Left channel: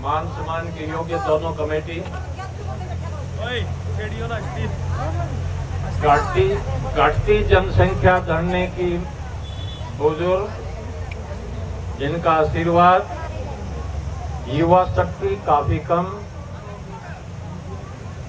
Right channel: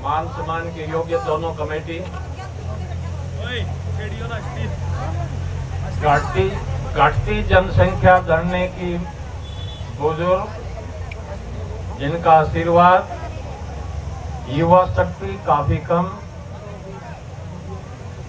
मान सम्मान के योग्य दोनों कमेटी, घटती जनसंख्या धरने की बुजुर्ग, जिनका आशीर्वाद, युवा शक्ति काफी कम,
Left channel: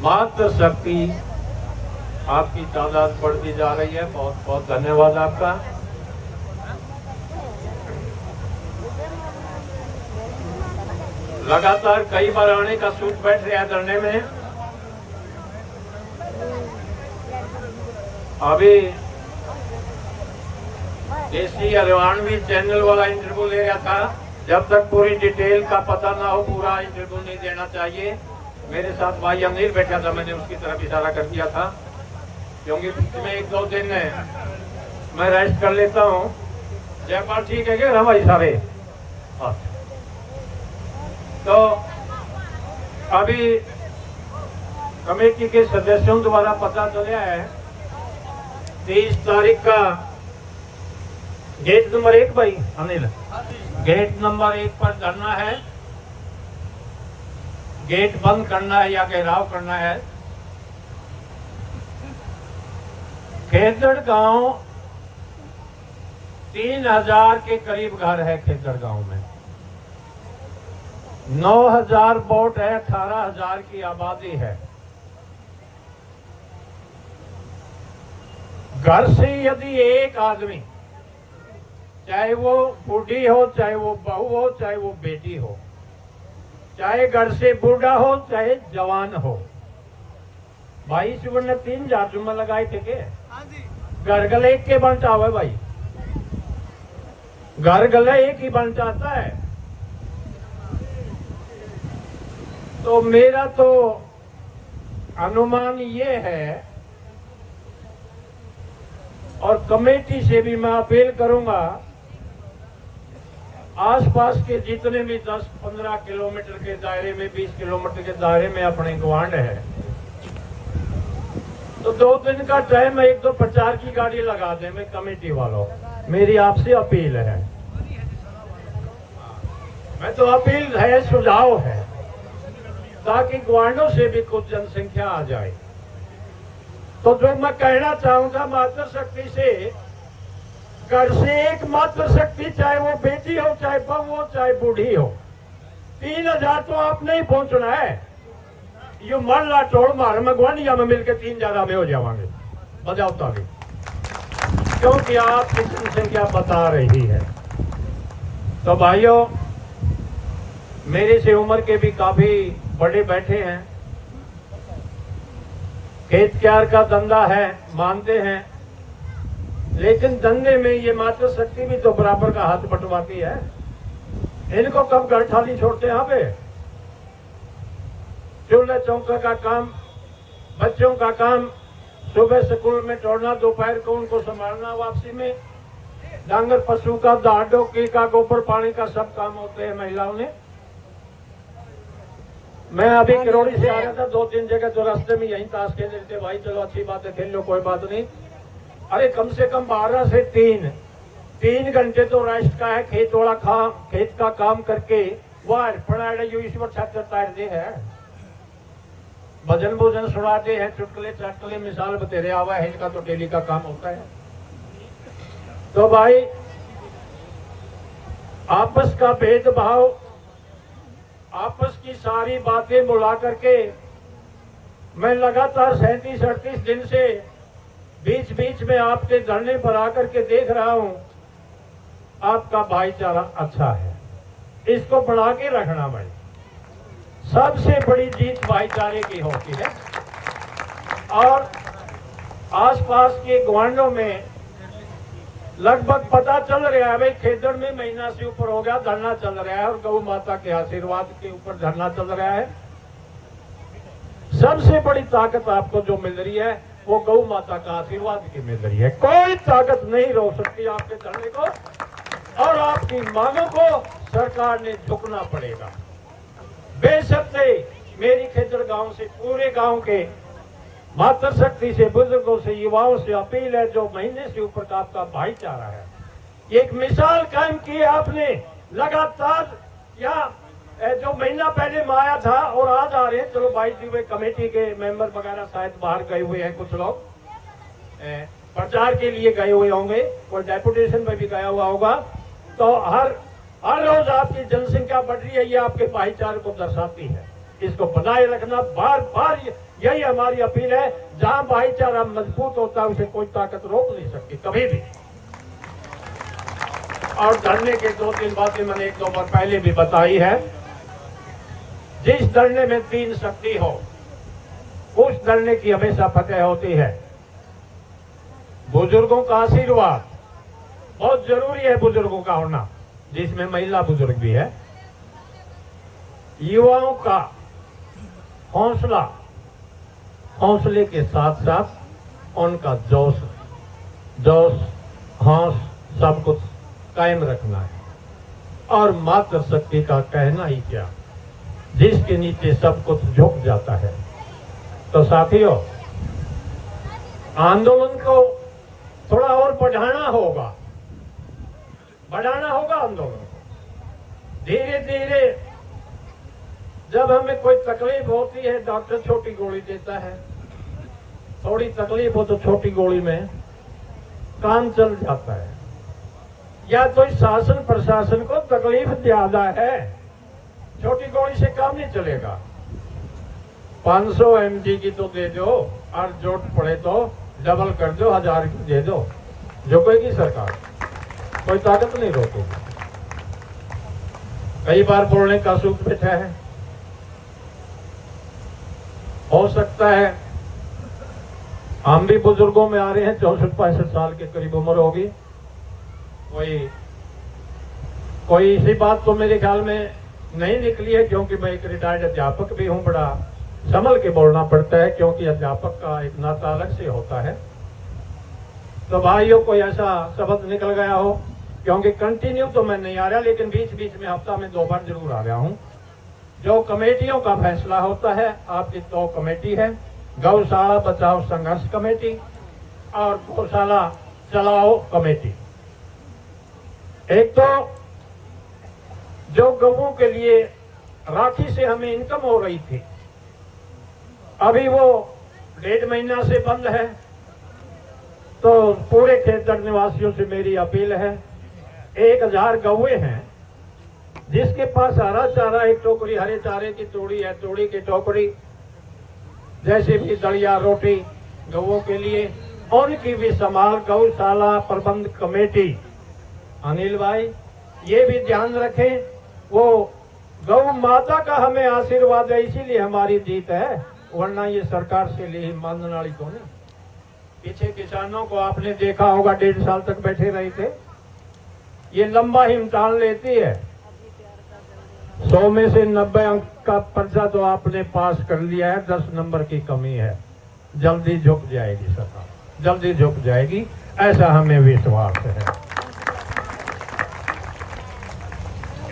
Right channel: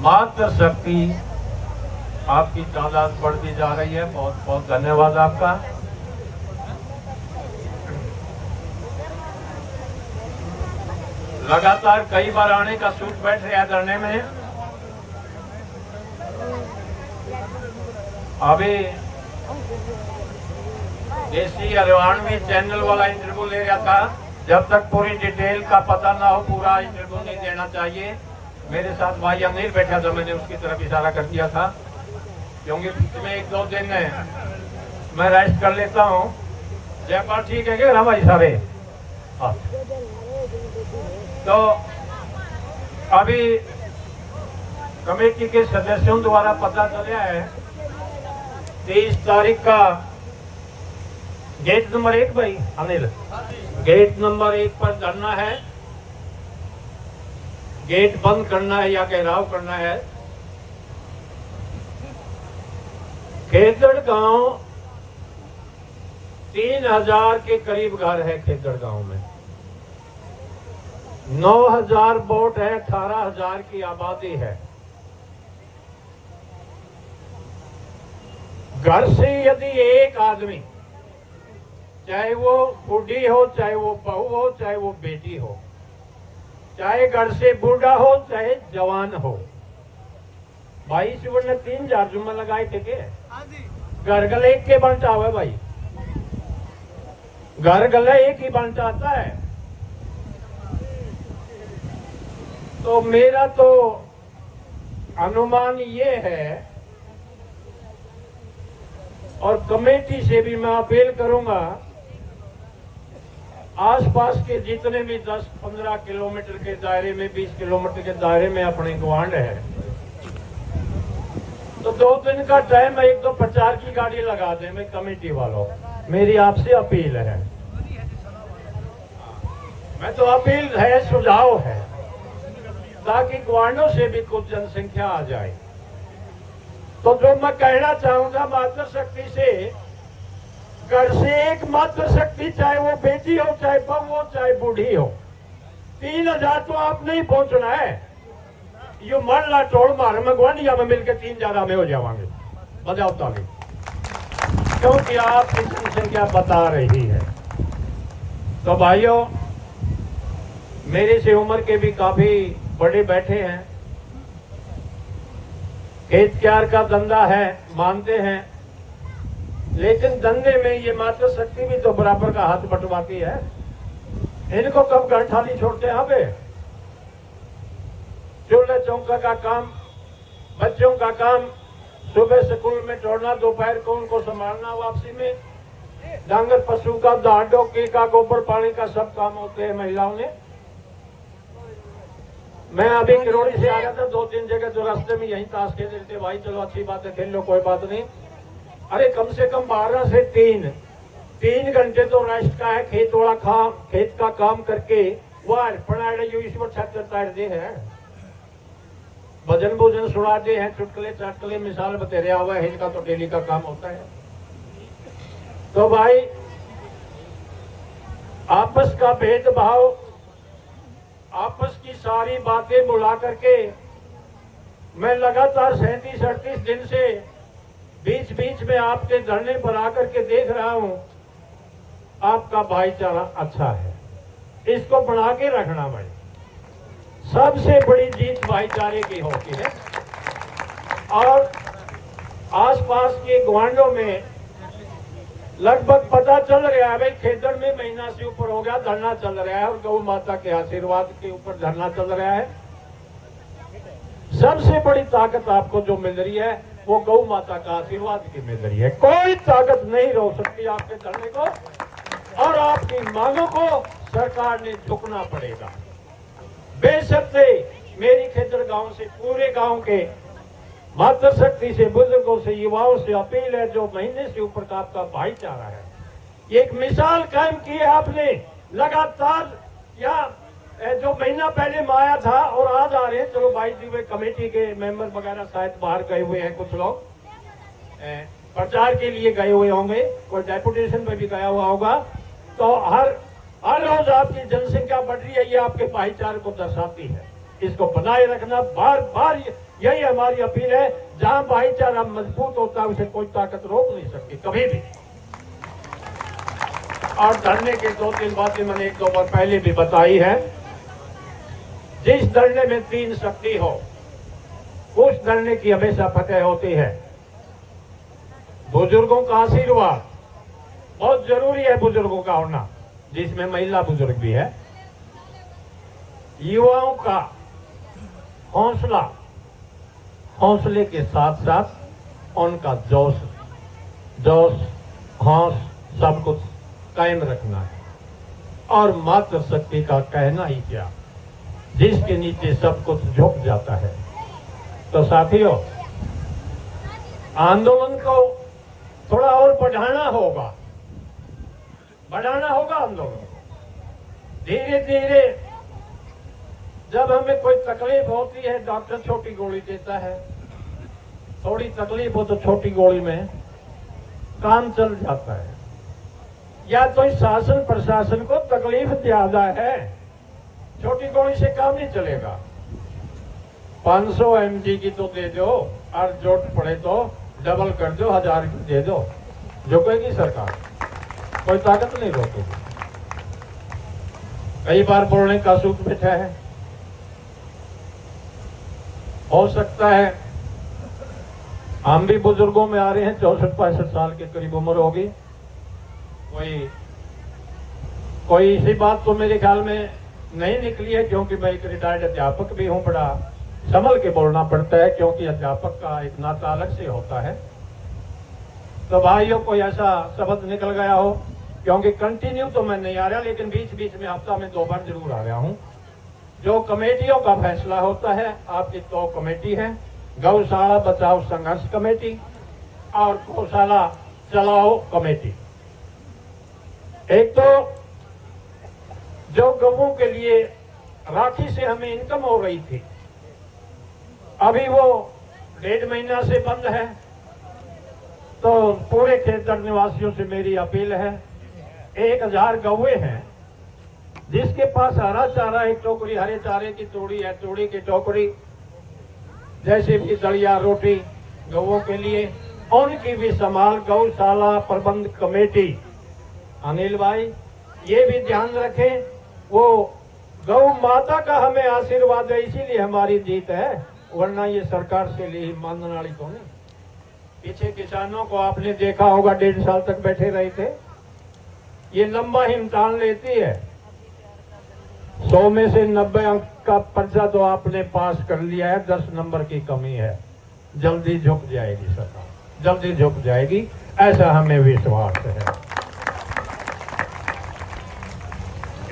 मातृ शक्ति आपकी तादाद बढ़ती जा रही है। बहुत बहुत धन्यवाद आपका। लगातार कई बार आने का सूच बैठ रहा है धरने में। अभी देसी हरियाणवी चैनल वाला इंटरव्यू ले रहा था। जब तक पूरी डिटेल का पता ना हो पूरा इंटरव्यू नहीं देना चाहिए। मेरे साथ भाई अनिल बैठा था, मैंने उसकी तरफ इशारा कर दिया था, क्योंकि पिछले 1-2 दिन मैं रेस्ट कर लेता हूँ। जयपाल ठीक है क्या भाई सारे? तो अभी कमेटी के सदस्यों द्वारा पता चला है 30 तारीख का गेट नंबर 1 भाई अनिल, गेट नंबर 1 पर धरना है। गेट बंद करना है या घेराव करना है। खेदड़ गांव 3000 के करीब घर है। खेदड़ गांव में 9000 वोट है, 18000 की आबादी है। घर से यदि एक आदमी, चाहे वो बूढ़ी हो, चाहे वो बहू हो, चाहे वो बेटी हो, चाहे घर से बूढ़ा हो, चाहे जवान हो, भाई शिवन ने 3000 जुम्मा लगाए थे के घर गले एक के बंटा हुआ भाई, घर गले एक ही बंटा आता है। तो मेरा तो अनुमान ये है, और कमेटी से भी मैं अपील करूंगा, आसपास के जितने भी 10-15 किलोमीटर के दायरे में, 20 किलोमीटर के दायरे में अपने गवांड है, तो 2 दिन का टाइम है, 1-2 प्रचार की गाड़ी लगा दें। मैं कमेटी वालों, मेरी आपसे अपील है। मैं तो अपील है, सुझाव है, ताकि ग्वांडों से भी कुछ जनसंख्या आ जाए। तो जो मैं कहना चाहूंगा, मातृ शक्ति से, घर से एक मातृ शक्ति, चाहे वो बेटी हो, चाहे बहू हो, चाहे बूढ़ी हो, 3000 तो आप नहीं पहुंचना है। यो मरला टोड़ मार में ग्वांडिया में मिलकर 3 ज्यादा में हो जावांगे। बजाओ ताली, क्योंकि आपकी जनसंख्या बता रही है। तो भाइयों, मेरे से उम्र के भी काफी बड़े बैठे हैं, खेत क्यार का धंधा है, मानते हैं, लेकिन धंधे में ये मातृ शक्ति भी तो बराबर का हाथ बंटवाती है। इनको कब घर खाली छोड़ते हैं? पे चूल्हा चौका का काम, बच्चों का काम, सुबह स्कूल में छोड़ना, दोपहर को उनको संभालना, वापसी में डांगर पशु का, दाढ़ डोकी का, गोबर पानी का सब काम होते हैं महिलाओं ने। मैं अभी किरोड़ी से आ रहा था, 2-3 जगह जो रास्ते में यही ताश खेल रहे थे। भाई चलो अच्छी बात है, खेल लो, कोई बात नहीं। अरे कम से कम 12 से 3 घंटे तो रेस्ट का है। खेत वाला खेत का काम करके वार पढ़ाई जो ईश्वर छात्र तारते हैं, भजन भोजन सुनाते हैं, चुटकुले चटकुले मिसाल बतेरे आवा है, इनका तो डेली का काम होता है। तो भाई आपस का भेदभाव, आपस की सारी बातें बुला करके, मैं लगातार 37-38 दिन से बीच बीच में आपके धरने पर आकर के देख रहा हूं, आपका भाईचारा अच्छा है, इसको बढ़ा के रखना भाई। सबसे बड़ी जीत भाईचारे की होती है। और आसपास के ग्वांडों में लगभग पता चल रहा है भाई, खेदड़ में महीना से ऊपर हो गया, धरना चल रहा है, और गौ माता के आशीर्वाद के ऊपर धरना चल रहा है। सबसे बड़ी ताकत आपको जो मिल रही है, वो गौ माता का आशीर्वाद की मिल रही है। कोई ताकत नहीं रोक सकती आपके धरने को, और आपकी मांगों को सरकार ने झुकना पड़ेगा। बेशक से मेरी खेदड़ गांव से, पूरे गांव के मातृ शक्ति से, बुजुर्गों से, युवाओं से अपील है, जो महीने से ऊपर का आपका भाईचारा है, एक मिसाल कायम की है आपने। लगातार यहाँ जो महीना पहले में आया था और आज आ रहे हैं, चलो 22 कमेटी के मेंबर वगैरह शायद बाहर गए हुए हैं, कुछ लोग प्रचार के लिए गए हुए होंगे, कोई डेपुटेशन में भी गया हुआ होगा। तो हर रोज आपकी जनसंख्या बढ़ रही है, ये आपके भाईचारे को दर्शाती है। इसको बनाए रखना, बार बार यही हमारी अपील है। जहां भाईचारा मजबूत होता है उसे कोई ताकत रोक नहीं सकती कभी भी। और धरने के 2-3 बातें मैंने 1-2 बार पहले भी बताई है। जिस धरने में 3 शक्ति हो उस धरने की हमेशा फतेह होती है। बुजुर्गों का आशीर्वाद बहुत जरूरी है, बुजुर्गों का होना, जिसमें महिला बुजुर्ग भी है। युवाओं का हौसला, हौसले के साथ साथ उनका जोश हौस सब कुछ कायम रखना है। और मातृ शक्ति का कहना ही क्या, जिसके नीचे सब कुछ झुक जाता है। तो साथियों, आंदोलन को थोड़ा और बढ़ाना होगा आंदोलन को। धीरे धीरे जब हमें कोई तकलीफ होती है, डॉक्टर छोटी गोली देता है, थोड़ी तकलीफ हो तो छोटी गोली में काम चल जाता है। या तो इस शासन प्रशासन को तकलीफ ज्यादा है, छोटी गोली से काम नहीं चलेगा। 500 mg की तो दे दो, और जरूरत पड़े तो डबल कर दो, 1000 की दे दो, झुकेगी सरकार, कोई ताकत नहीं रोकेगी। कई बार बोलने का सुख बैठा है। हो सकता है हम भी बुजुर्गों में आ रहे हैं, 64-65 साल के करीब उम्र होगी। कोई इसी बात तो मेरे ख्याल में नहीं निकली है, क्योंकि मैं एक रिटायर्ड अध्यापक भी हूं। बड़ा संभल के बोलना पड़ता है, क्योंकि अध्यापक का एक नाता अलग से होता है। तो भाइयों, कोई ऐसा शब्द निकल गया हो, क्योंकि कंटिन्यू तो मैं नहीं आ रहा, लेकिन बीच बीच में हफ्ता में 2 बार जरूर आ रहा हूं। जो कमेटियों का फैसला होता है, आपकी 2 कमेटी है, गौशाला बचाओ संघर्ष कमेटी और गौशाला चलाओ कमेटी। एक तो जो गौओं के लिए राखी से हमें इनकम हो रही थी, अभी वो 1.5 महीना से बंद है। तो पूरे खेतर निवासियों से मेरी अपील है, 1000 गौए हैं जिसके पास हरा चारा, एक टोकरी हरे चारे की तोड़ी है, तोड़ी की टोकरी, जैसे भी दलिया रोटी गौओं के लिए, उनकी भी संभाल गौशाला प्रबंध कमेटी। अनिल भाई, ये भी ध्यान रखें, वो गौ माता का हमें आशीर्वाद है, इसीलिए हमारी जीत है, वरना ये सरकार से लिए मानने वाली तो नहीं। पीछे किसानों को आपने देखा होगा, 1.5 साल तक बैठे रहे थे। ये लंबा इम्तिहान लेती है। 100 में से 90 अंक का पर्चा तो आपने पास कर लिया है, 10 नंबर की कमी है। जल्दी झुक जाएगी सरकार, जल्दी झुक जाएगी, ऐसा हमें विश्वास है।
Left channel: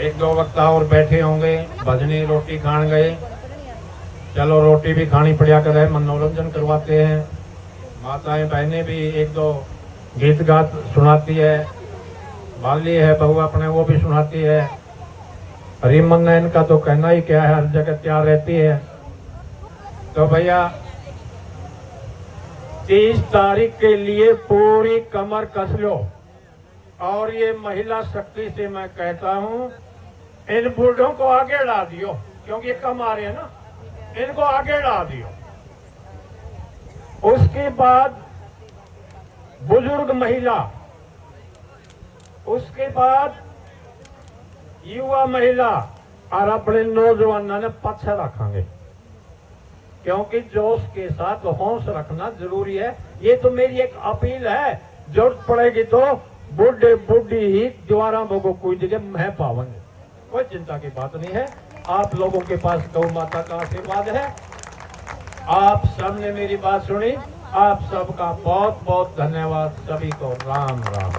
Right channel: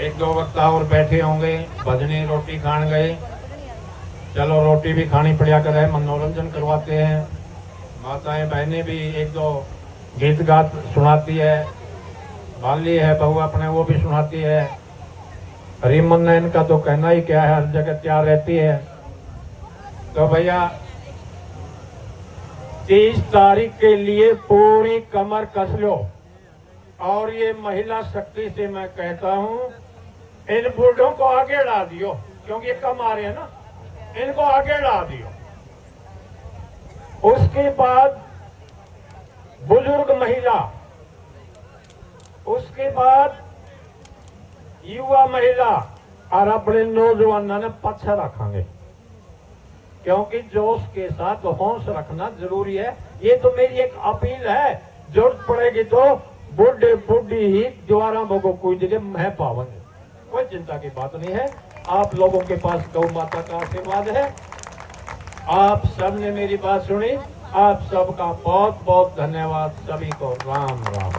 1-2 वक्ता और बैठे होंगे, भजनी रोटी खान गए, चलो रोटी भी खानी पड़ा करे, मनोरंजन करवाते हैं। माताएं बहनें भी 1-2 गीत गात सुनाती है, बाली है बहू अपने, वो भी सुनाती है। रीमन नैन का तो कहना ही क्या है, हर जगह तैयार रहती है। तो भैया 30 तारीख के लिए पूरी कमर कस लो। और ये महिला शक्ति से मैं कहता हूं, इन बूढ़ों को आगे ला दियो, क्योंकि ये कम आ रहे हैं ना, इनको आगे ला दियो। उसके बाद बुजुर्ग महिला, उसके बाद युवा महिला और अपने नौजवानों ने पीछे रखेंगे, क्योंकि जोश के साथ होश रखना जरूरी है। ये तो मेरी एक अपील है, जरूरत पड़ेगी तो बुढ़े बुढ़ी ही द्वारा को कोई जगह मैं पाऊंगे, कोई चिंता की बात नहीं है। आप लोगों के पास गौ माता का आशीर्वाद है। आप सबने मेरी बात सुनी, आप सबका बहुत बहुत धन्यवाद। सभी को राम राम।